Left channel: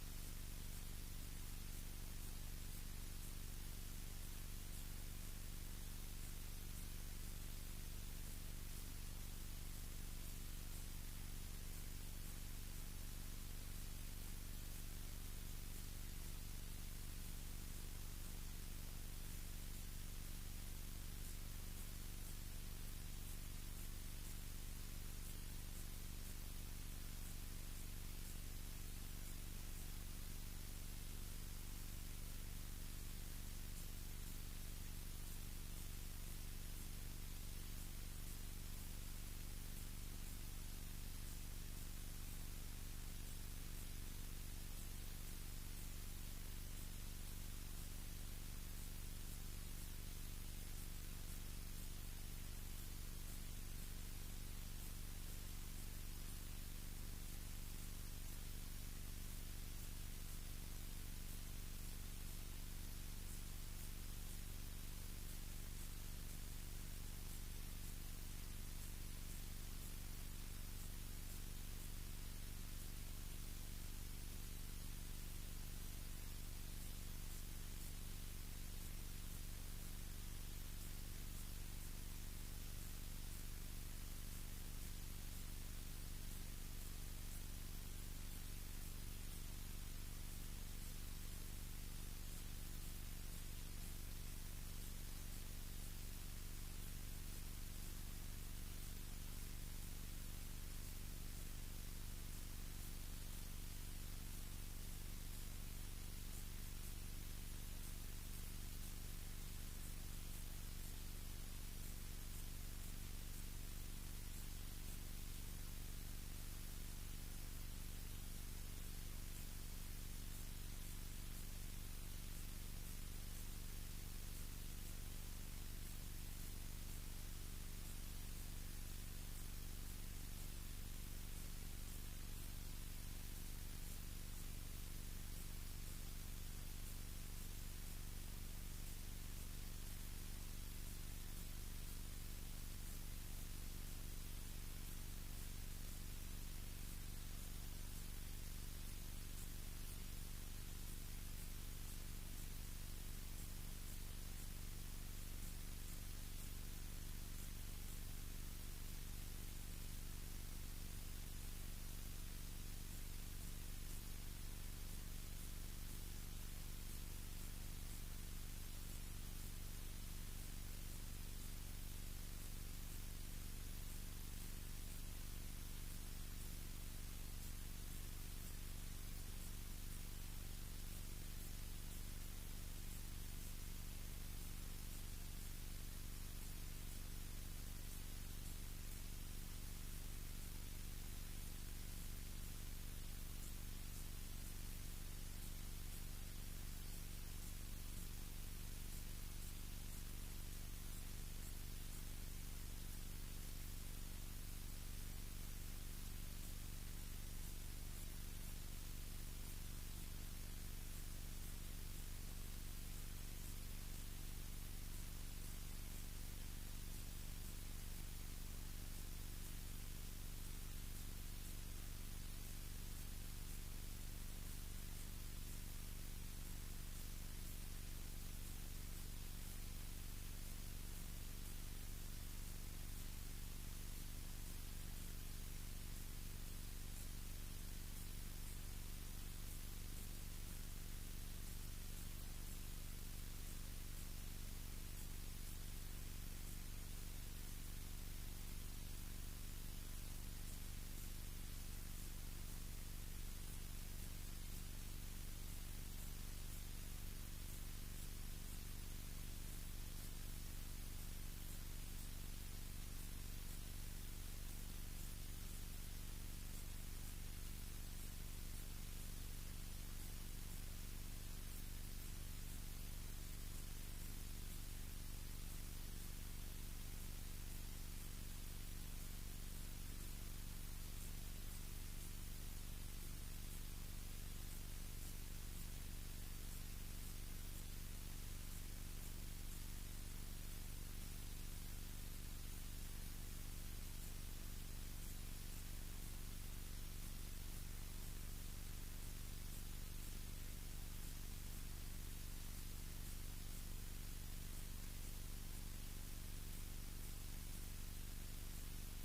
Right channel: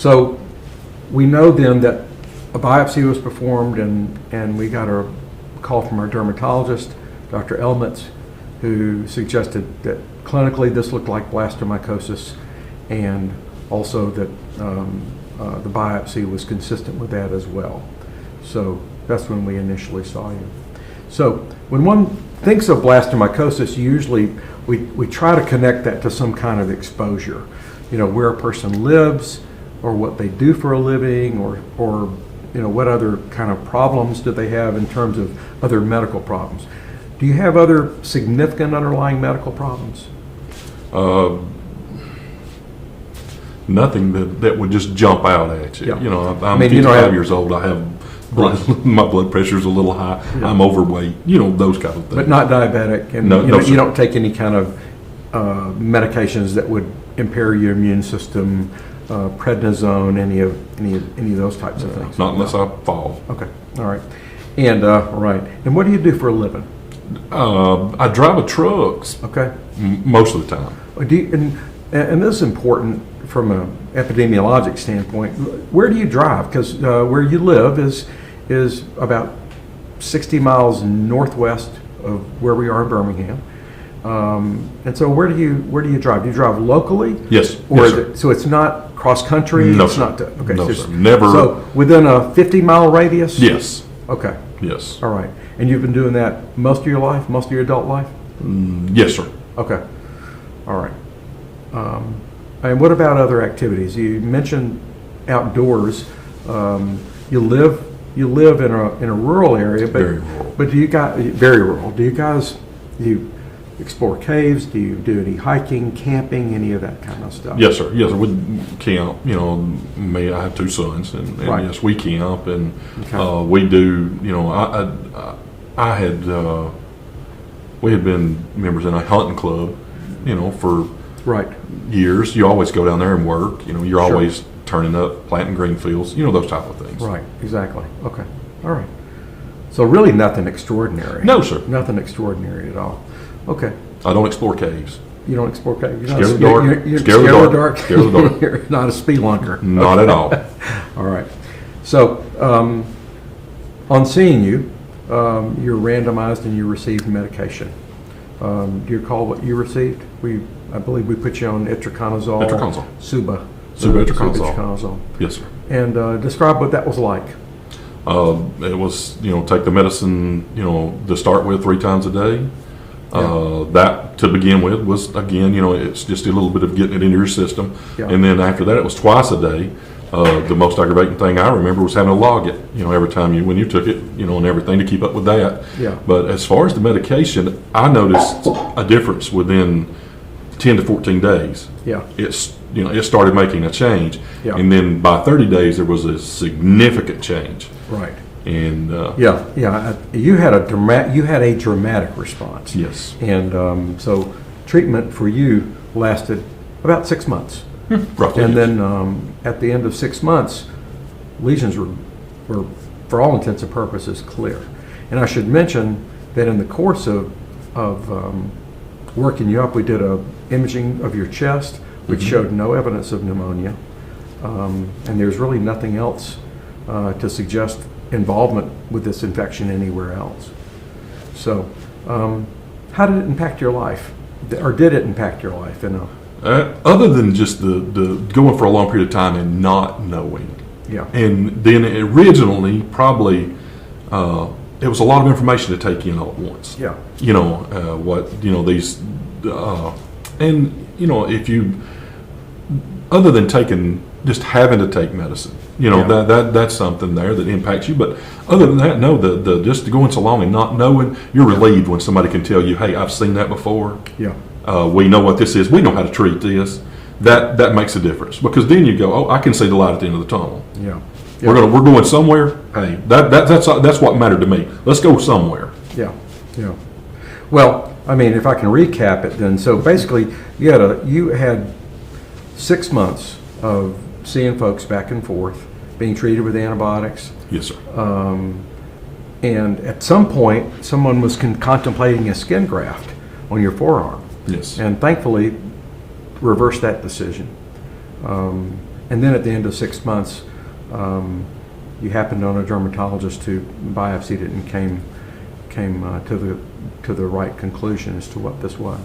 So we know then that a biopsy was performed, and we got a call from our dermatologist, Dr. Elmitz, who suggested that clinically this looked like blastomycosis, and also that the biopsy was consistent with that as well. So that's when we initially saw you. So when one thinks of blastomycosis, usually we try to connect that to some kind of exposure, where a person lives, or what they do for a living, or what other kind of problems do they have in terms of other medical problems. Do you have other significant underlying medical problems? Nothing that would just jump out at you. Yeah. I'm 55 years old. I have my blood pressure's a little high. Yeah. I'm overweight. Those kind of things. But not diabetic, and no, you don't take any kind of medications that would impair your immune system, prednisone, any of those types of things. Not unless I fall. Okay, all right, and right. And what do you do for a living? I drive trucks. Okay. Most of the time. And this is important from an epidemiologic standpoint. Where do you drive? Because where you live is about 60 miles northwest of where we are in Birmingham. And so where do you drive? Do you drive locally? Yes. Or yes, is it, so it's not cross country? No, it's sir. Not okay. No, so sir. Never. So within a 50-mile radius? Yes. Okay. Yes. All right. And you've been doing that most of your life, most of your adult life? Yes, sir. Okay. All right. And what about other activities? You mentioned outdoors. You live in a rural area, but Very rural. But very rural. Do you explore caves? Do you do any hiking, camping, any of that kind of stuff? Yes, sir. Yes, sir. We camp. I have two sons, and Right. yes, we camp, and Okay. we do. We had been members in a hunting club, for Right. years. You always go down there and work. You're Sure. always turning up, planting green fields. Those type of things. Right. Exactly. Okay. All right. So really nothing extraordinary. No, sir. Nothing extraordinary at all. Okay. I don't explore caves. You don't explore caves. Scared of the dark. You're Scared of the dark. Scared of the dark. You're not a spelunker. Not at all. All right. So, on seeing you, you're randomized and you received medication. Do you recall what you received? I believe we put you on itraconazole. Itraconazole. Suba. Itraconazole. Yes, sir. And describe what that was like. It was, take the medicine, to start with 3 times a day. Yeah. That, to begin with, was, again, it's just a little bit of getting it into your system. Yeah. And then after that, it was twice a day. The most aggravating thing I remember was having to log it, every time when you took it, and everything to keep up with that. Yeah. But as far as the medication, I noticed a difference within 10 to 14 days. Yeah. It started making a change. Yeah. And then by 30 days, there was a significant change. Right. And you had a dramatic response. yes. And so treatment for you lasted about 6 months. Roughly. And then at the end of 6 months, lesions were, for all intents and purposes, clear. And I should mention that in the course of working you up, we did a imaging of your chest, which showed no evidence of pneumonia. And there's really nothing else to suggest involvement with this infection anywhere else. So how did it impact your life? Or did it impact your life? Other than just the going for a long period of time and not knowing. Yeah. And then originally, probably, it was a lot of information to take in all at once. Yeah. If you, other than just having to take medicine, that's something there that impacts you. But other than that, no, the just going so long and not knowing, you're relieved when somebody can tell you, hey, I've seen that before. Yeah. We know what this is. We know how to treat this. That makes a difference, because then you go, oh, I can see the light at the end of the tunnel. Yeah. We're going somewhere. Hey, that's what mattered to me. Let's go somewhere. Yeah. Yeah. Well, I mean, if I can recap it, then so basically you had 6 months of seeing folks back and forth, being treated with antibiotics. Yes, sir. And at some point, someone was contemplating a skin graft on your forearm. Yes. And thankfully, reversed that decision. And then at the end of 6 months, you happened on a dermatologist who biopsied it and came to the right conclusion as to what this was.